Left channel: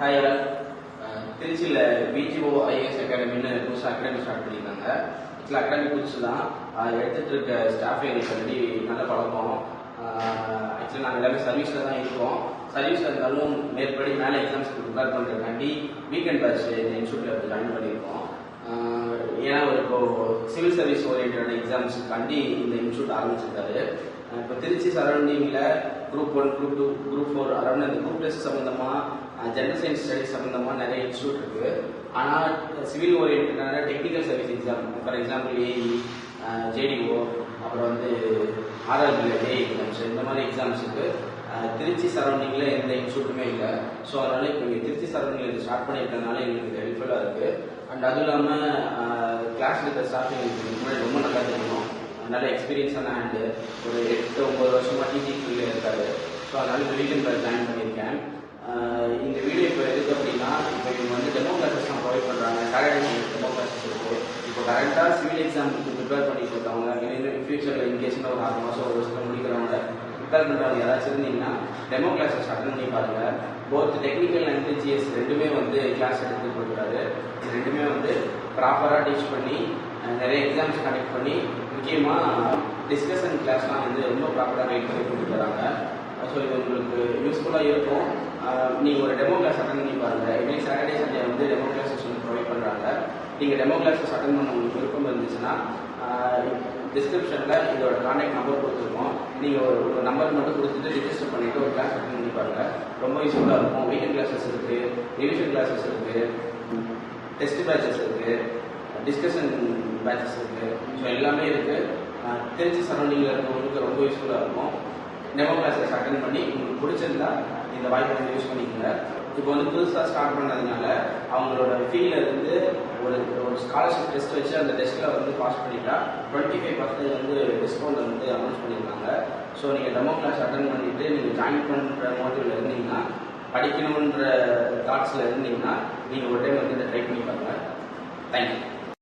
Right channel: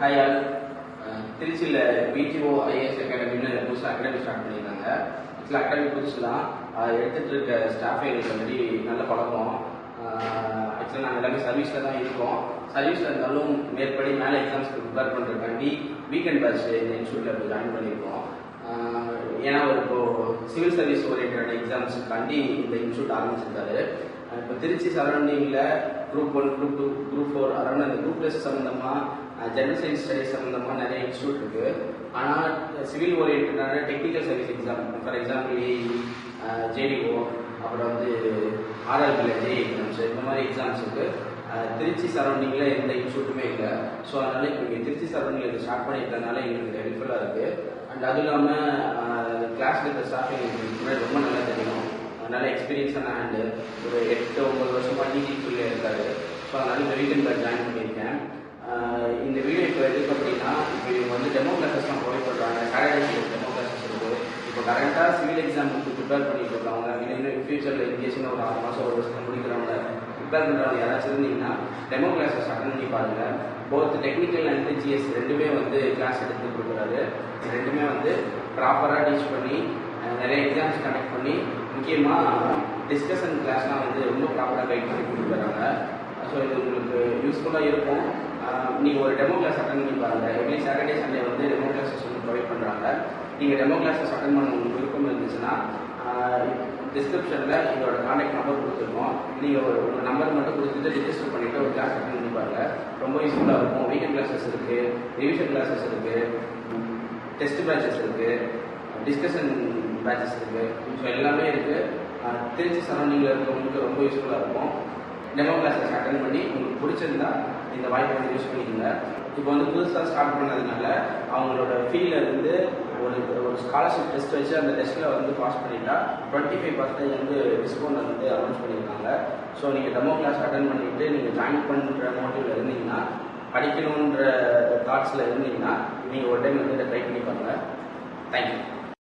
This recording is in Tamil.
Hi all. திருச்சியில் பிஜிஓ ஐஏஎஸ் அகாடமின்னு புதுசாக அகாடமி ஸ்டார்ட் பண்ணியிருக்காங்க. ஆக்சுவலாக அகாடமி புதுசு தான். எடுத்துகிட்டு இருக்க ஸ்டாஃப் எங்களுக்கு ஆல்ரெடி நல்ல பழக்கம். ஆக்சுவலாக நாங்கள் எல்லாமே சர்வீஸில் தான் இருக்கோம். சர்வீஸில் இருந்தாலும் மேற்படி மேலே எக்ஸாம்ஸ்க்கு ப்ரிப்பேர் பண்ணுறதுக்காண்டி வீக்கெண்ட் பேட்ச் இந்த இன்ஸ்டியூட்டில் ஜாயின் பண்ணியிருக்கோம். ஏன்னா இப்போது சிவில் சர்வீஸ் ஓரியன்ட் எக்ஸாம்ஸுக்காண்டி இந்த இன்ஸ்டியூட் ஆரம்பிச்சிருக்காரு. இப்போ திருச்சி சரௌண்டிங்கில் குரூப் 1, குரூப் 2, குரூப் 4 அரௌண்ட் அந்த குரூப் டெஸ்ட் சம்மந்தமாக ஜென்ரல் சயின்ஸ் ஸ்டடிஸ் சம்மந்தமாக நிறைய இன்ஸ்டியூட் இருக்குது. ஆனால் சிவில் ஓரியன்டான technical service exam, for example AE, JDO, அப்புறம் ஆர்ஆர்பியில் ஜேஇ எக்ஸாம்ஸ், இந்த மாதிரி எக்ஸாம்ஸுக்கு திருச்சி சரௌண்டிங்கில் எந்த இன்ஸ்டியூட்டுமே இல்லை. ஸோ அதனால் இப்போ இங்கே திருச்சி சரௌண்டிங்கில் ஸ்டார்ட் பண்ணியிருக்கனால எங்களுக்கு ஹெல்ப்ஃபுல்லாக இருக்குது. அண்ட் அதுவும் இல்லாமல் கிளாஸில் இருக்கிற ஸ்டாஃப் எங்களுக்கு ரொம்ப நல்லா தெரியும். நல்ல எக்ஸ்பீரியன்ஸான ஹேண்டு, ஒரு 8-9 வருஷமாக டிஜிக்குள்ளே இருக்காரு. ஸோ அதனால் இந்த வீக்கெண்டில் ஜாயின் பண்ணியிருக்கேன். இந்த வீடியோ இப்போ எதுக்கு அப்படின்னா, இப்போ இவங்க டெமோ கிளாஸஸ்லாம் ப்ரொவைட் பண்ணுறாங்க. சாட்டர்டே டெமோ கிளாஸஸ் இருக்குது. இப்போ கரெக்டாக சிவில் எக்ஸாமுக்கு ப்ரிப்பேர் பண்ணிட்டு இருக்காங்க. இன்னும் ஃபியூச்சரில் இன்கேஷன் ஒரு 6 மாதம் 1 வருஷத்தில் முடிக்கிறவங்க ப்ரிப்பேர் பண்ணுறவங்க யாராச்சும் இருந்தீங்கன்னா டெமோ கிளாஸஸ் அட்டன் பண்ணி பாருங்கள். போத் டெக்னிக்கல் அண்ட் ஜிஎஸ் ரெண்டுமே கிளாஸ் எடுத்து கொடுக்குறாரு. இது ரெண்டுமே ப்ராப்பராக டீச் பண்ணி நிறைய எக்ஸாம்ஸ் கண்டக்ட் பண்ணி முக்கியமாக டிஸ்கஷன் கிளாஸ்லாம் ரொம்ப ப்ராப்பராக கைட் பண்ணி கொடுக்குறாங்க. ஸோ இது உங்களுக்கு யூஸ்ஃபுல்லாக இருக்கும். நீங்கள் ஒரு டெமோ கிளாஸ் அட்டன் பண்ணி பாருங்கள். Every Saturday Sunday demo classes provide பண்ணுறாங்க. நீங்கள் டெமோ கிளாஸஸ் அட்டன் பண்ண உங்களுக்கு விருப்பம் இருந்துச்சுன்னா டிஸ்கிரிப்ஷனில் இதோட கான்டாக்ட் நம்பர் கொடுத்துருக்கோம். நீங்கள் ஒரு நம்பர் மட்டும் கொடுத்துட்டு ரிஜிஸ்டர் பண்ணிவிட்டு ஒரு கிளாஸ் அட்டன் பண்ணி பாருங்கள். ரொம்ப யூஸ்ஃபுல்லாக இருக்கும். வீக்கெண்ட் கிளாஸஸ் இருக்குது, ரிவிஷன் கிளாஸஸ் இருக்குது, டெஸ்ட் பேட்சஸ் இருக்குது, டிஸ்கஷன் பேட்சஸ் இருக்குது. ஸோ எல்லாமே இருக்குது. திருச்சி சரௌண்டிங்கில் இருக்கிறவங்களுக்கு ரொம்ப யூஸ்ஃபுல்லாக இருக்கும். டெமோ கிளாஸஸ் அட்டன் பண்ணி உங்களுக்கு பிடிச்சிருந்தா இந்த வாய்ப்பை யூஸ் பண்ணிக்கோங்க. இப்போ புதுசாக ஸ்டார்ட் பண்ணதுனால அவங்களோட ஃபீல்டில் ஒரு ஸ்காலர்ஷிப் டெஸ்ட் வச்சு அந்த டெஸ்ட்டில் பாஸ் பண்ணிட்டா 25% டிஸ்கவுண்ட் அனௌன்ஸ் பண்ணியிருக்காங்க. ஸோ நீங்கள் டெமோ கிளாஸ் அட்டன் பண்ணிவிட்டு நீங்கள் ஜாயின் பண்ணுற மோட்டிவில் இருந்தீங்கன்னா, படிக்கணுன்ற தாட்ஸில் இருந்தீங்கன்னா நீங்கள் ஒரு டைம் இதை ட்ரை பண்ணி பாருங்கள். தேங்க்யூ.